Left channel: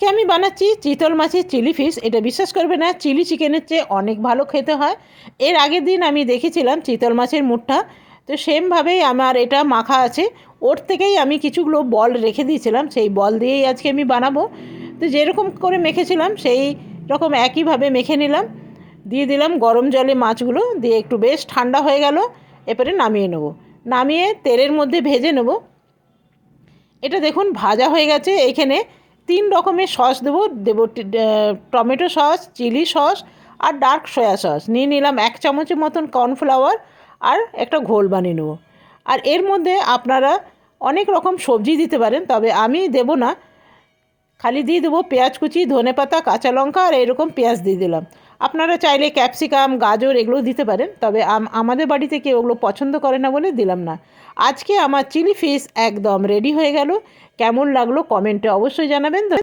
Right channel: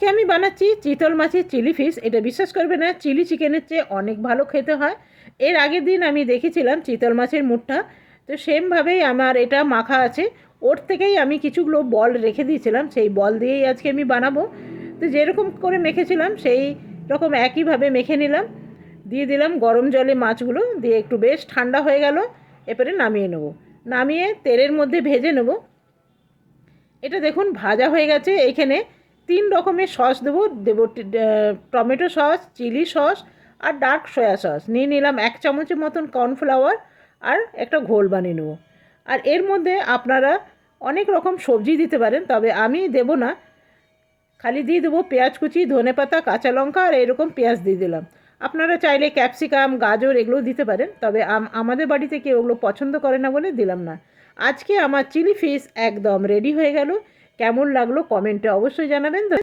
আজকে আমি বানাচ্ছি চিতল মাছের চিলি ফিশ। এটা বিশ্বাস করবে না, চিলি চিকেনের চেয়ে অনেক ভালো খেতে হয়। এর আগের দিন আমি দেখেছিলাম চিতল মাছের মুঠটা, তো সেমভাবেই আমার এটা মাখা আছে। ওর থেকেই আমি কিছুগুলো বল রেখে দিয়েছিলাম, সেই বল দিয়েই আজকে আমি বানাবো। তো যেরকম করে মেখেছিলাম সেই রকম একইভাবে মেখে নিলাম, দিয়ে দিলাম গরম জলে মাছগুলো, দিয়ে একটু বেশ ঠান্ডা হয়ে গেল। এরপরে নামিয়ে নেব, নামিয়ে তেলের মধ্যে ভেজে নেব। এটা দেখুন ভাজা হয়ে গেছে। এখানে 3 রকমের সস দেবো দেবো টমেটো সস, চিলি সস আর ডার্ক সয়া সস নিয়ে নিলাম। 1 চামচের মতন কর্নফ্লাওয়ার আর একটা ঘোল বানিয়ে নেবো। আর এর মধ্যে আপনারা অনেক রকম সবজি দিতে পারেন, তবে আমি দেবো না, খালি দিয়ে দেবো পেঁয়াজ কুচি, ধনেপাতা, কাঁচা লঙ্কা আর এরকম পেঁয়াজ দিয়ে দিলাম। আপনারা চাইলে ক্যাপসিকাম, গাজর এগুলো দিতে পারেন, তবে আমাদের বাড়িতে কেউ ওগুলো পছন্দ করে না বলে দিলাম না। আজকে আমার চিলি ফিশ একদম রেডি হয়ে গেল। কেমন লাগলো কমেন্টে অবশ্যই জানাবেন।